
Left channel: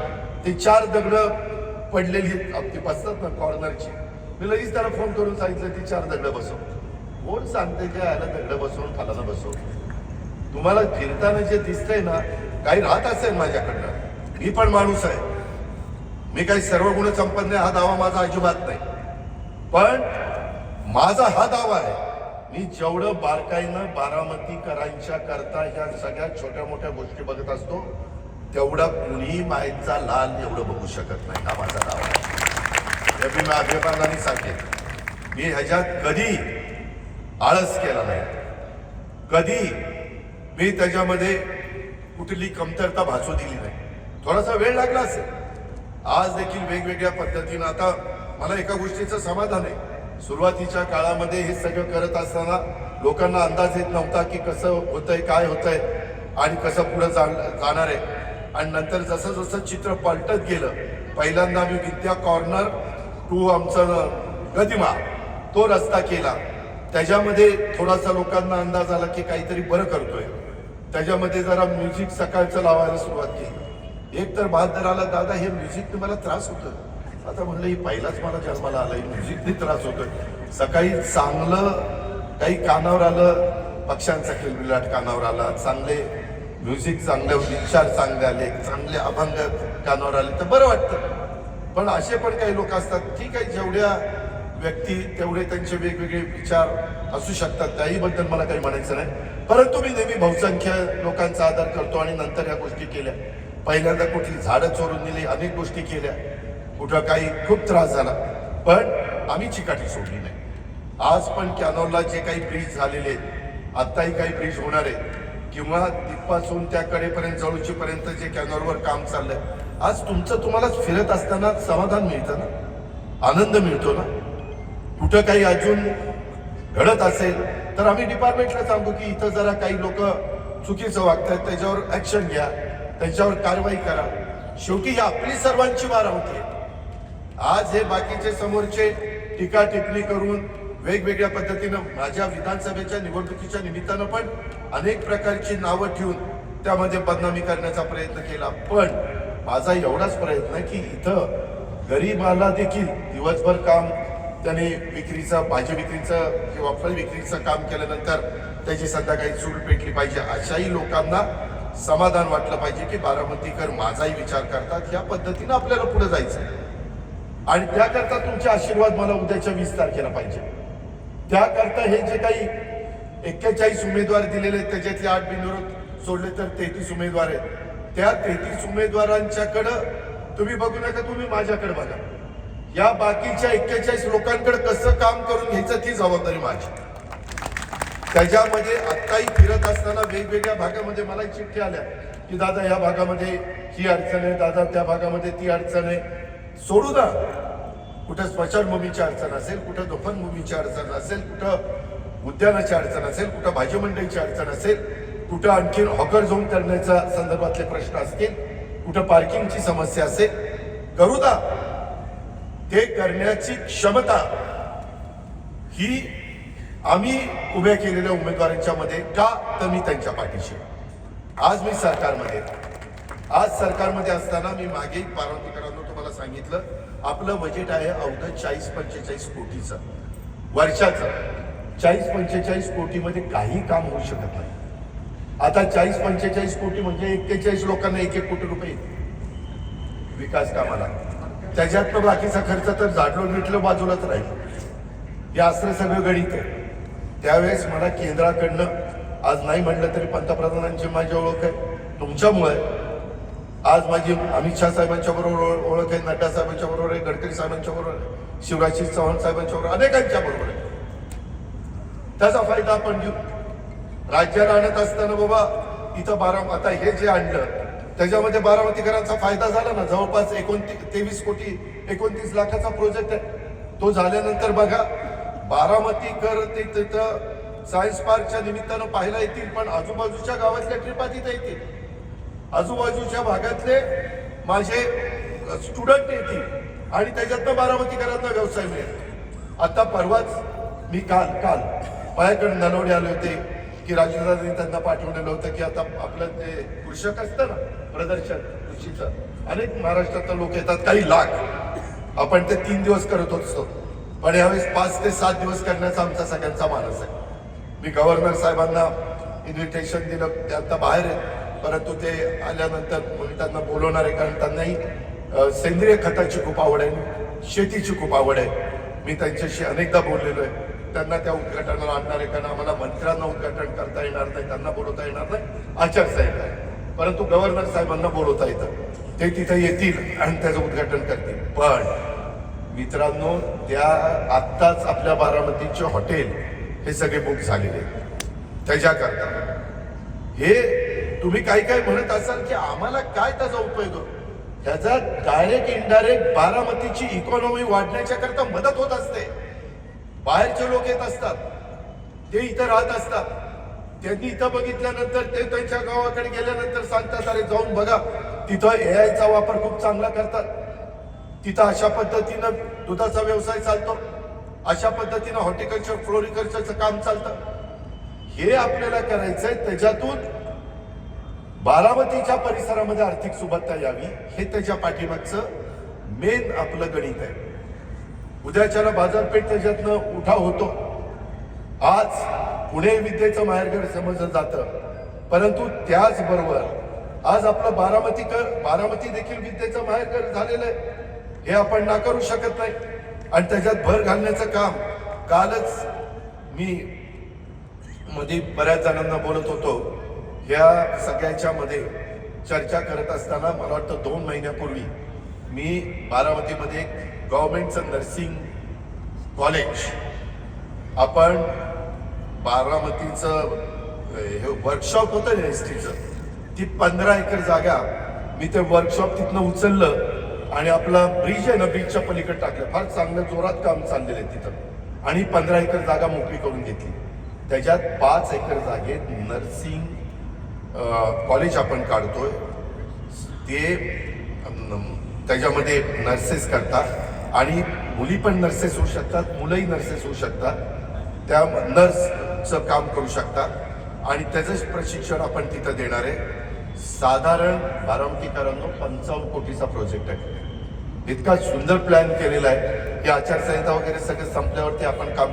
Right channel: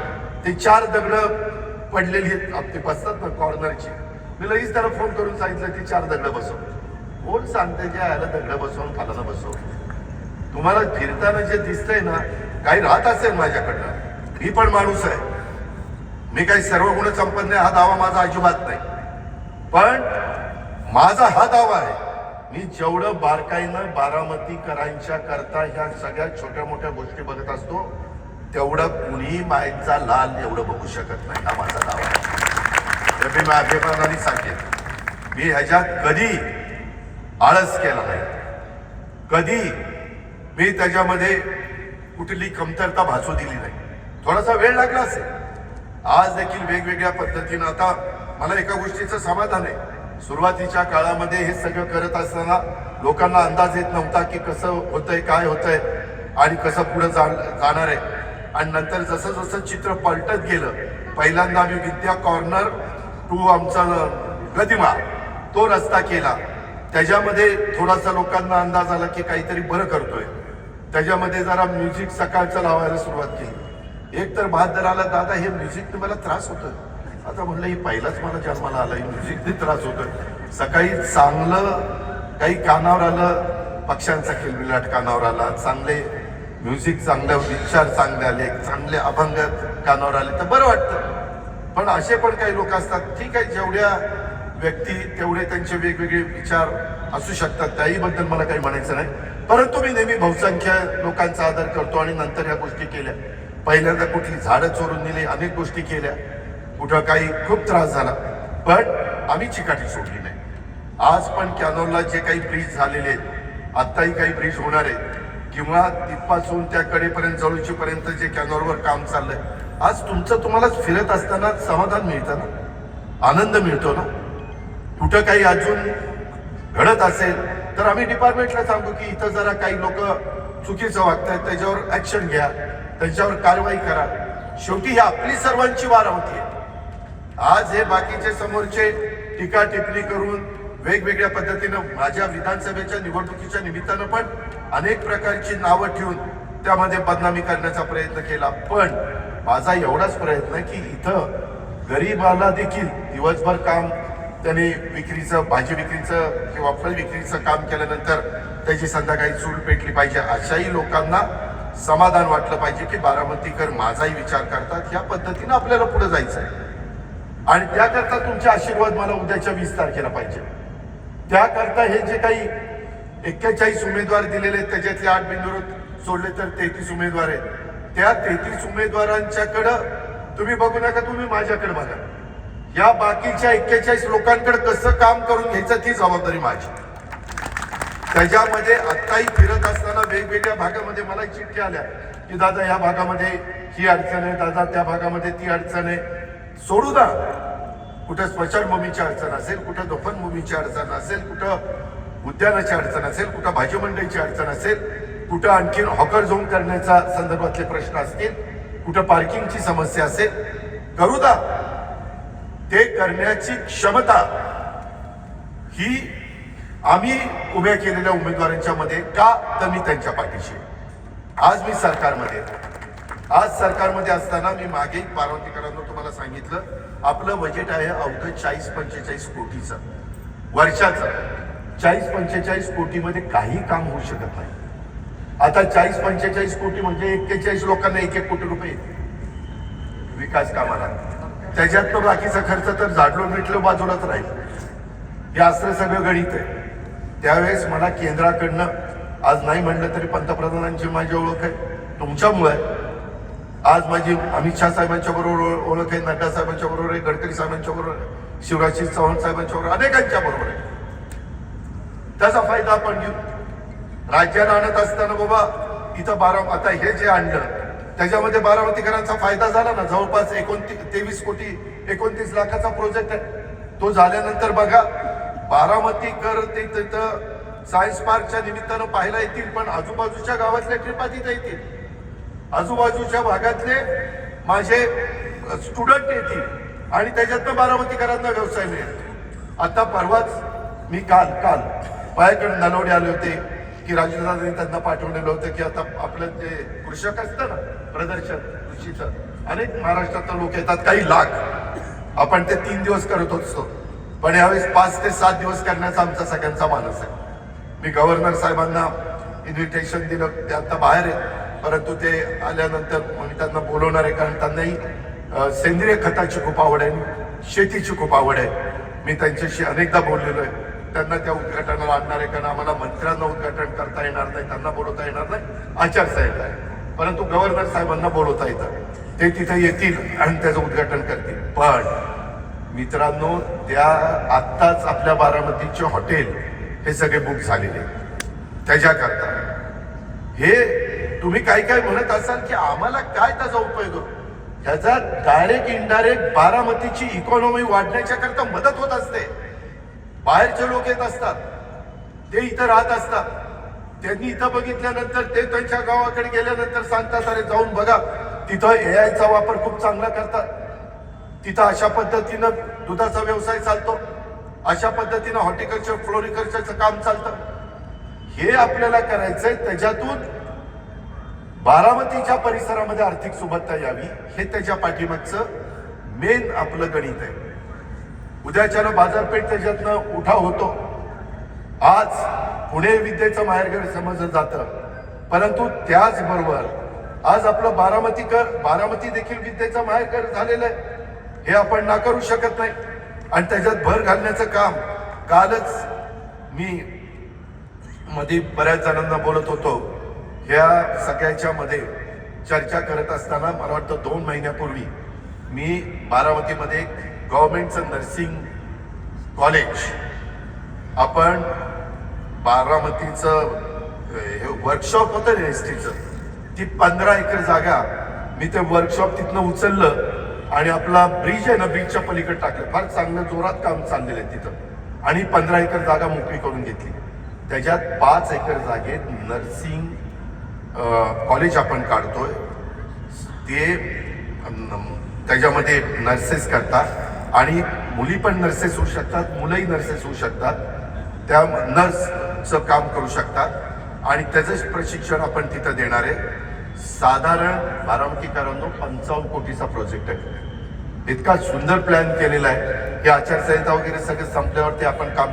ते 4 दगडं पडलेली आहेत आपली बसतात ना कॉर्नरची. मी लगेच त्याला फोन करून सांगितलं की 4 दगडं बसव. कोण सांगते की याला दगडं बसवून खालाना बसव. तुम्हाला फिरताना जे दिसतंय ना, काही राहत असेल माझ्याकडनं, मी पण माणूस आहे, मी काही सर्व गुण संपन्न हा दावा माझा अजिबात नाही. पण माझा हा दावा आहे, मी जेवढं बारकाईनं बारामतीकरांच्या करता ह्या सगळ्या छोट्या मोठ्या गोष्टी बघत असतो तेवढा कुणीही मायेचा लाल एवढं बघू शकत नाही. हा माझा दावा आहे. मी अभिमानाने सांगेन, मी ह्याच्यात कधी आळस केला नाही, कधी मी त्याच्यामध्ये कुठली कमतरता भासू दिली नाही. थोडासा वेळ लागला असेल, आज देखील वेगवेगळ्या पद्धतीनं. आता मला एका गोष्टीचं समाधान आहे, सुरुवातीच्या काळामध्ये हे सगळं करत असताना लोकांना अंदाज येत नव्हता की कसं होतंय, काय होतंय आणि कसं पुढे जाणार आहे. आणि नंतर जसं जसं चित्र पलटत गेलं, पहिल्यांदा आम्ही विद्या कॉर्नर टू आमचा गदिमा तो रस्ता केला. त्याच्यामध्ये थोडासा लोकांना अंदाज आला की काहीतरी बरं करतोय. त्याच्यामध्ये जरा म्युझिक सकाळचं लावायला सुरुवात केली. एक तर बहादर आला, दादा हे म्युझिकने मला त्रास होतोय. आता म्हणलं ही पहिलाच मला जन्माला आला, ही म्युझिकने त्रास होतोय. सकाळी चांगलं काही कानावर आलं, पक्ष्यांचा किलबिलाट कानावर आला, चांगले म्युझिक, चांगले विचार चांगले आले, चांगले अभंग कानावर आले तर बरं वाटतं. पण असे पण काही लोक असतात, ठीक आहे, जेवढ्या व्यक्ती तेवढे त्यांचे वेगवेगळे विचार असू शकतात, त्याहीबद्दल मला काही म्हणायचं नाही. परंतु मी नेहमी बहुसंख्य लोकांचा आदर करतो आणि नंतर या गोष्टी केल्या. पहिल्यांदा कुठली झाडं चोरून दिली, अनेक गोष्टी केल्या, कुठं काही खूप त्रास झाला, पण आम्ही चिकाटी सोडली नाही. आज पण कॅनॉलला जे काही ब्रिज झालेले आहेत, आत्ताही काही ब्रिज होणार आहेत, किंवा तिथपासून त्या कडेपर्यंत जवळचीपर्यंत जे कॅनॉलवर काम चाललंय, आज तुम्हालाच फिरत असताना समाधान मिळतं ना, आनंद मिळतो ना. कुठं काही अजून घडत असेल तर आम्ही डिपार्टमेंटला सांगू की इथं जरा काही लोक चुकीचं वागतात, त्याच्यावर ऍक्शन घ्या, त्यांच्यावर कारवाई करा. शेवटी ही आपली सर्वांची वारावती आहे. आज हे बाकीचे समोरचे टीका टिप्पणी करून वेगवेगळ्या पद्धतीनं माझ्या विधानसभेच्या निवडणुकीच्या निमित्तानं पण अनेक प्रकारची नावं ठेवून त्यामध्ये बदनामी करण्याचा प्रयत्न केला. पण माझा एवढाच प्रयत्न आहे की इथं गरीबाला देखील दिवसभर काम, त्याने विक्रीचं, भाजी विक्रीचं किंवा फळ विक्रीचं काम केल्यानंतर त्याची संध्याकाळी चूल पेटली पाहिजे. अशाही लोकांना समाधान वाटलं पाहिजे की बारामतीकर माझाही विचार करतात. या पद्धतीनं आपल्याला पुढे जायचं आहे आणि त्याकरता तुमचे आशीर्वाद मला उद्याच्या 20 तारखेला पाहिजे. त्याकरता हे जे काही 41 उमेदवार दिलेले आहेत, त्याच्यातले 8 बिनविरोध सोडले तर 33 उमेदवार आहेत. त्या 33 उमेदवारांच्याकडं तुम्ही बघू नका, तुम्ही माझ्याकडे बघा. या बाकीच्या 41 लोकांकडे कसं काम करून घ्यायचं ती जबाबदारी माझी. त्याच्यामध्ये आत्ताही फिरत असताना वेगवेगळ्या भागामध्ये मला चिठ्ठी आल्या की दादा या भागामध्ये ही अडचण आहे, दादा त्या भागामध्ये ती अडचण आहे. सोडू ना, कुठं स्मशानभूमीची अडचण असेल, कुठं दफनभूमीची अडचण असेल, कुठं उद्यानाची अडचण असेल, कुठं भाजी मंडईची अडचण असेल, कुठं आणखीन हॉकर झोन करण्याच्या संदर्भातले प्रश्न असतील, कुठं पार्किंगची समस्या असेल, करू दा. ते करण्याची क्षमता ही आम्ही उभ्या केलेल्या उमेदवारांच्या मध्ये का, तर मी त्यांच्या पाठीशी. आज मी सरकारमध्ये असताना मी मागे बारामतीकरांना तुम्हाला सांगितलं, आपलं बजेट आहे अवघं 40-45 कोटीचं वर्षाचं. 40-45 कोटीमध्ये काही काम होऊ शकत नाही. आता 40-45 कोटी म्हणजे 41 लोकांना 1-1 कोटी रुपये विकास कामाला. त्याच्यात पण बाकीचा खर्च तर झाडलो मिटलं बाजूलाच राहील. हे असं सगळं गणित आहे. त्यावेळेस मला केंद्राकडनं, आज नाही म्हणलं तरी पंतप्रधानांची माझी ओळख आहे, तुमच्यामुळे आज माझी अमित शहा साहेबांच्या बरोबर ओळख आहे, नड्डा साहेबांच्या बरोबर आहे, गडकरी साहेबांच्या बरोबर आहे, शिवराज चव्हाण साहेबांच्या बरोबर, अनेकांच्या बरोबर आहे. त्याचा फायदा आपण घेऊ. राज्याला आणत असताना बाबा इथं आता हे जे आणलं त्याच्यामध्ये बारामतीकरांचा फायदा झाला ना. जवळपास 23 लाखाचा प्रोजेक्ट आहे. तो झाल्यानंतर बघा बारामतीकर ते तिथं सायन्स पार्कच्या निमित्तानं पाहायला येतील, पण आजूबाजूच्या गावातल्या ट्रिपा तिथे येतील, आजूबाजूच्या भागातले माझे स्टुडंट येतील आणि त्याच्यातनं बारामतीकरांना व्यवसाय मिळेल. आता परवाच मी काल माझ्याकडे नलवडे आले होते की राजूदादांनी त्यांना पाठवलेलं होतं की आता आपलं जे कृषक असतं ना प्रदर्शन कृषीचं, अनेक महाराष्ट्रातले लोक येतात, काही लाख. आपण ते 3 दिवस करत असतो, पण यावेळेस 5 ते 7 दिवस करण्याचा आमचा सगळ्यांचा मानस आहे. मी गव्हर्नर साहेबांना इन्व्हिटेशन दिलं, ते आता बाहेर आहेत, परंतु ते आल्यानंतर मी त्यांना बोलवणार आहे, कारण त्यांनाही सेंद्रिय खताची खूप आवड आहे, शेतीची खूप आवड आहे. मी त्यांच्याशी अनेकदा बोललेलो आहे. त्यांना त्या उद्घाटनाला आणणार आहे, कारण आम्हाला मंत्र्यांना उद्घाटन करता येणार नाही, त्यांना बोलवता येणार नाही, आचारसंहिता आहे. परंतु गव्हर्नर साहेबांना बोलवता येतं, ते तिथे येतील आणि त्याचं उद्घाटन करतील. पण मित्रांनो, त्या आत्ताच आपल्या बारामतीचे हॉटेल हे सगळे बुक झालेले आहेत. त्याच्याकरता हे तुम्ही काही काय म्हणत असाल की आम्हाला काय त्याचा उपयोग होतो, ह्याचा डायरेक्ट इनडायरेक्ट बारामतीची इकॉनॉमी वाढण्याच्या करता मदत होत असते. बाहेरचे लोक येत असतात, ते इथं राहत असतात, त्यांनी इथं बघितल्यानंतर ते त्यांच्या गावाकडे गेल्यानंतर सांगतात अरे जाऊन बघा तिथं AI चा वापर खूप चांगला करतात, तिथं अशा पद्धतीनं दुधाचा व्यवसाय चालतो, अशा पद्धतीनं हॉर्टिकल्चर फ्लोरिकल्चरचं काम चालतं. हे आपल्याला करायचंय, त्याच्यातून बारामतीच्या परिसरामध्ये आर्थिक सुबत्ता यावी, हे त्याच्या पाठीमागचं मेन आपलं गणित आहे. उद्याच्याला बाजारपेठ त्याच्यातनं उठाव होतो. आज पुणे विद्येचं माहेरघर समजलं जातं, परंतु त्याचबरोबर आज आपलं बारामती देखील विद्येचं माहेरघर झालेलं आहे, हे आपण नाकारू शकत नाही. आणि त्याच्यात भर घालण्याचं काम कालच मी मध्ये बऱ्याच जणांना बोलत होतो. ह्या सगळ्याच्या मध्ये चर्चा करत असताना मला वाटतं 2 महिन्यापूर्वी मी बारामतीमध्ये एक गव्हर्नमेंटचं नर्सिंग कॉलेज, आपण बारामतीचं हे वर्कशॉप होतं ना STचं, ती 15 एकर जागा मी ते वर्कशॉप तिथनं उचललं आणि आपला ब्रिज आहे ना, ब्रिजच्या पलीकडे टाकलं. फार चांगलं जोरात काम चाललेलं आहे तिथं, आणि 15 एकर जागा मोकळी करून घेतली. त्याच्यात 5 एकर जागेत नर्सिंग कॉलेज आपण काढतोय. ते त्याच्यामध्ये नर्सेस करतात आणि मुली पण नर्सेस होऊ शकतात, मुलंही नर्सेस होऊ शकतात, त्या नर्सचं काम करू शकतात आणि त्याचं प्रशिक्षण आपण तिथं देणार आहे. साधारण बारामतीकरांनो 55 कोटीचा प्रोजेक्ट आहे. इतका सुंदर प्लॅन केलेला आहे की आचारसंहिता वगैरे सगळं संपल्यावरती आपण काम